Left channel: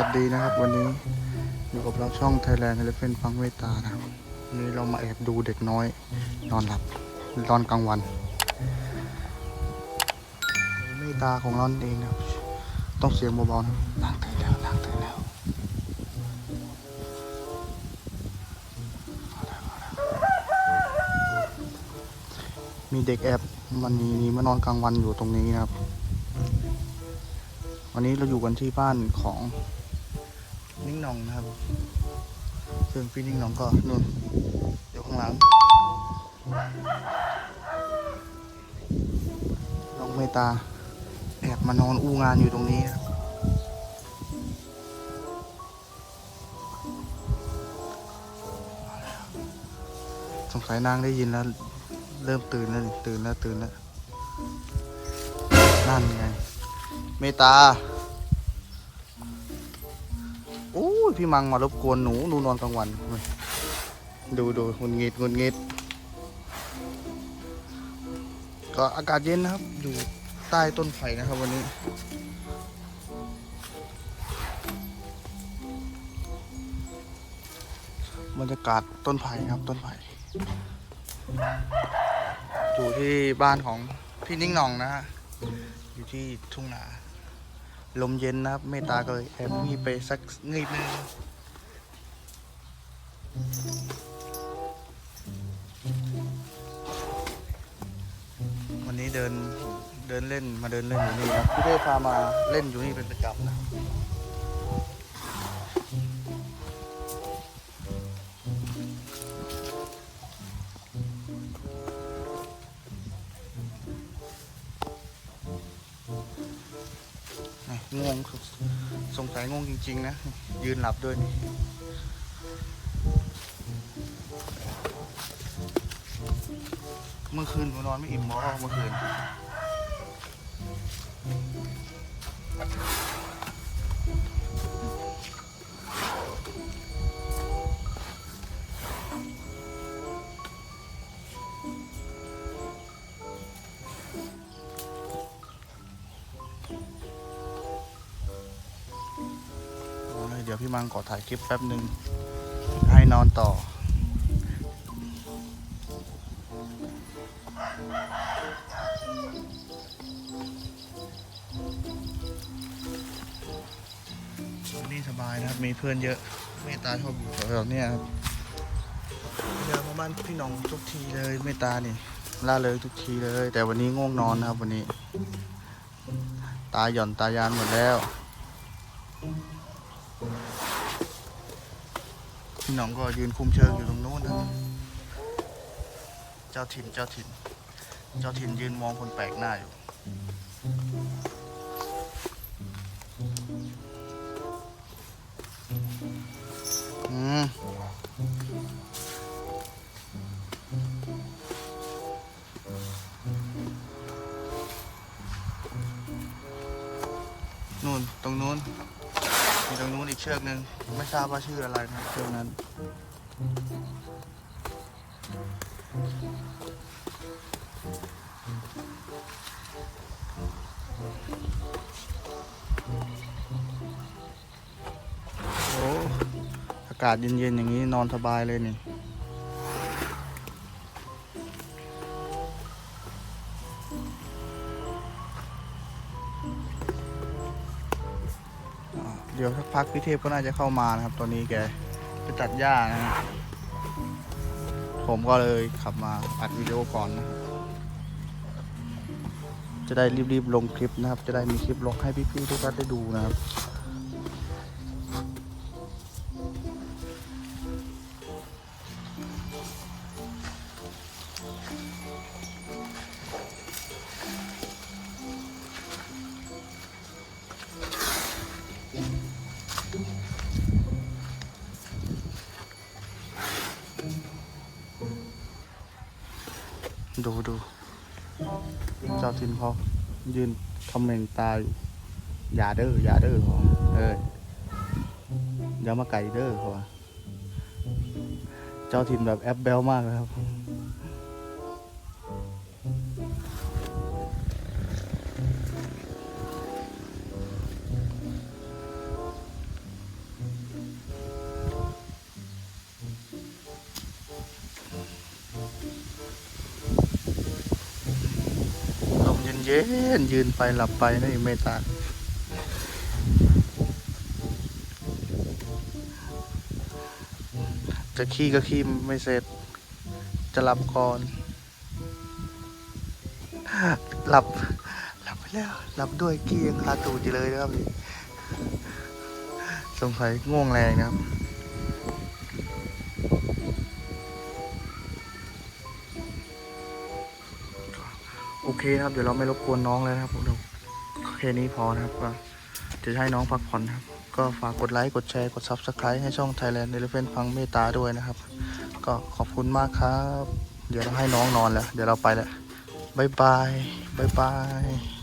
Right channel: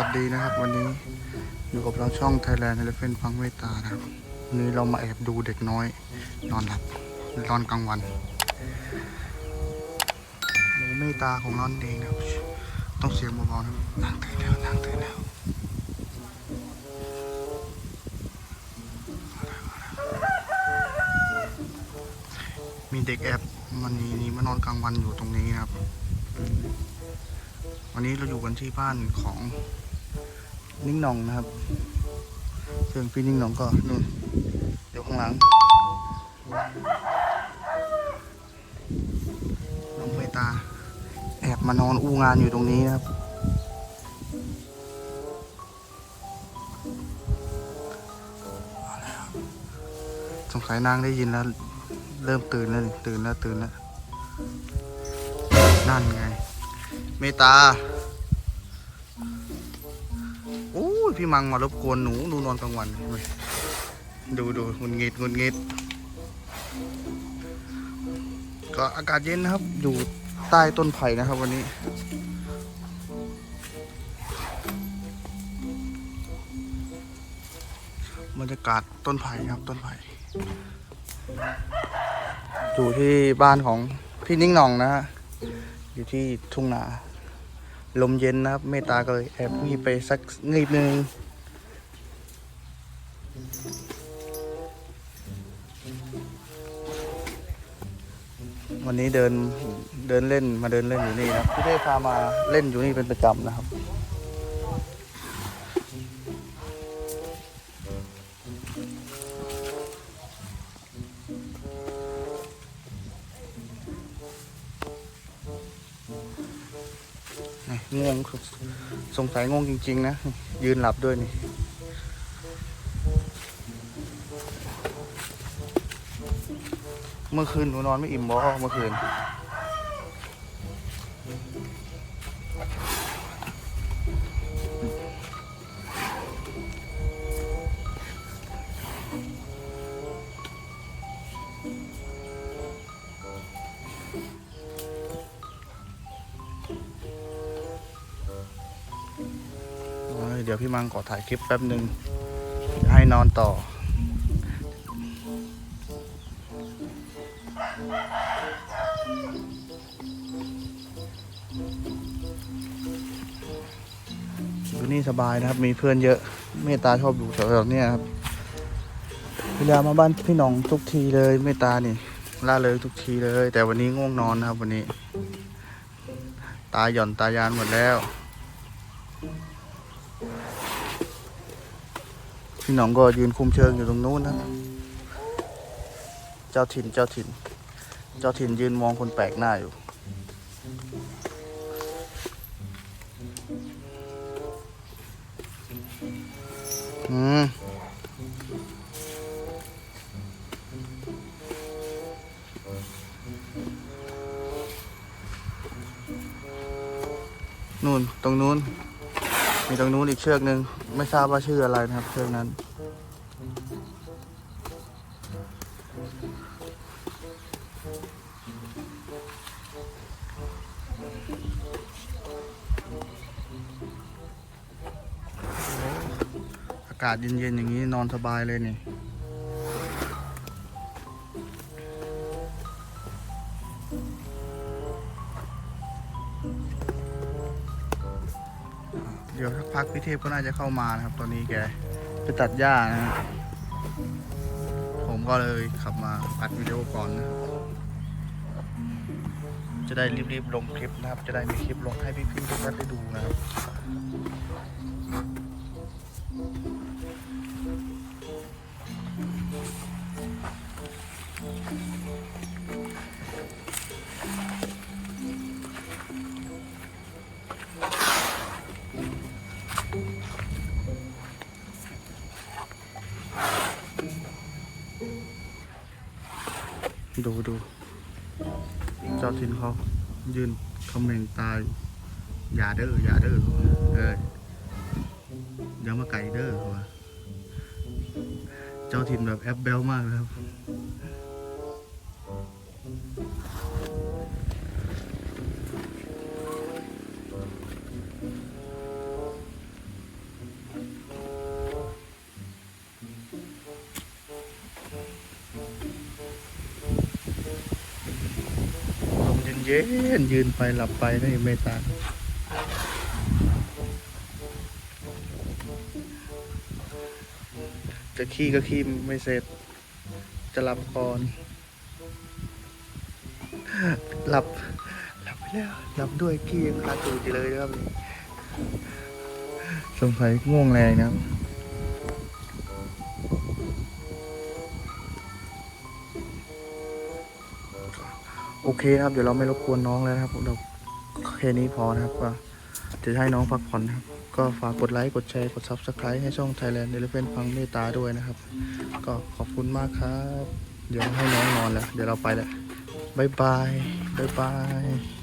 วัสดีนะครับ วันนี้อยู่กับเราช่อง Thailand Elephant ฟังเมตานะครับวันนี้เรามาแอบดูเด็กน้อย นอนหลับนอนกลางวันหมูเมตาของเราเองนะครับ ต้องเสียงเบาๆนะครับนางตื่นแล้วนางตื่นแล้วมีเด็กแอบมันนี้มานอนกลางวันอยู่ตรงนี้นะครับ วันนี้เราอยู่กันที่บ้านของ นิ่งหนองนะครับซึ่งพี่นิ่งหนองก็นู่นอยู่ข้างหลังน้องเมตตาแอบมานอนอู้งานอยู่ตรงนี้นะครับสงสัยนางได้ยินแล้ว เริ่มตื่นแล้วนี่ตื่นแล้วตื่นแล้วนั่นไง เมตตา พี่มังมารบกวนหนูหนูนอนกลางวัน ดูดูงุนงิดงุนงิด ก็อากาศเย็นนะครับ อยู่ใต้ต้นไผ่นะครับวันนี้ บรรยากาศต้นไผ่ครับต้นไผ่ อยู่ที่บ้านของพี่นิ่งหน่องนะฮะอยู่ที่ทุ่งนา ลมเย็นนะครับ เมตตาก็เลยแอบงีบไปสักนิดนึงวันนี้เดินเดินเล่นมาเดินเล่นอยู่นี่นะครับพี่เต้พามาเล่นอยู่นี่เป็นประจำนะครับ ง่วงคือสงสัยง่วงจริง ๆ นะ ยืนหลับด้วยนี่เมื่อคืนหนูนอนไม่อิ่มบอเมื่อคืน เดี๋ยวพี่มังขอถ่ายคลิปแป๊บหนึ่งให้นอนต่อ อยู่นี่สบายนะครับ มีเพื่อนเยอะ เมตตาชอบอยู่แถวๆนี้ครับพยายามมาบ้านพี่น้องทุกทีเลยเมตตานี่ล่าเลยทุกทีเลย แต่วันนี้ง่วงนอนนะครับวันนี้ ตาหย่อนตายานหมดแล้ว พี่น้องก็ยืนคุมเชิงอยู่ตรงนู้นนะเจ้าถิ่นเจ้าถิ่น เจ้าถิ่นยืนมองคนแปลกหน้าอยู่ อืมนู่นตรงนู้น มีตรงนู้นอีกเชือกหนึ่งไม่ทราบว่าชื่ออะไรนะครับ เชือกนั้น อากาศเย็นๆอย่างนี้นอนสบายเลยนี่ เดี๋ยวสักพักพี่เทพก็น่าจะเข้ามานะครับ ตอนนี้แกไปตัดหญ้านะฮะผมก็เลยขับมาอัดวิดีโอก่อนนะจะได้รีบๆลงคลิปนะครับ จะได้มีคลิปลงให้พี่ๆทุกท่านได้ดูนะครับ ดูดูเจ้าทินเขายืนคอมเมนต์ตายอย่าเด้ออย่าเด้อเอออย่ามาไก่เด้อเขาว่าเจ้าทินแบบแอปเบลมากเลยครับ เย็นยืนไปหลับไปนั่นเองเมตตาจะขี้ก็ขี้ไม่เสร็จ จะหลับก่อน หลับ หลับไปแล้ว หลับด้วยขี้ยังคาตูดอยู่เลยนะครับสงสัยง่วงแรงนะครับ โอเคครับ เดี๋ยวเราไม่รบกวนน้องแล้วนะครับเราแค่นี้พอนะครับ ก็จะให้น้องพักผ่อนนะครับ ก็ฝากกดไลค์ กดแชร์ กด Subscribe ให้ช่อง Thailand Elephant ฟังเมตตาด้วยนะครับ ก็ขอบคุณมากครับ เดี๋ยวให้น้องนอนแล้ว เดี๋ยวเราไปแล้วบายบายบายบาย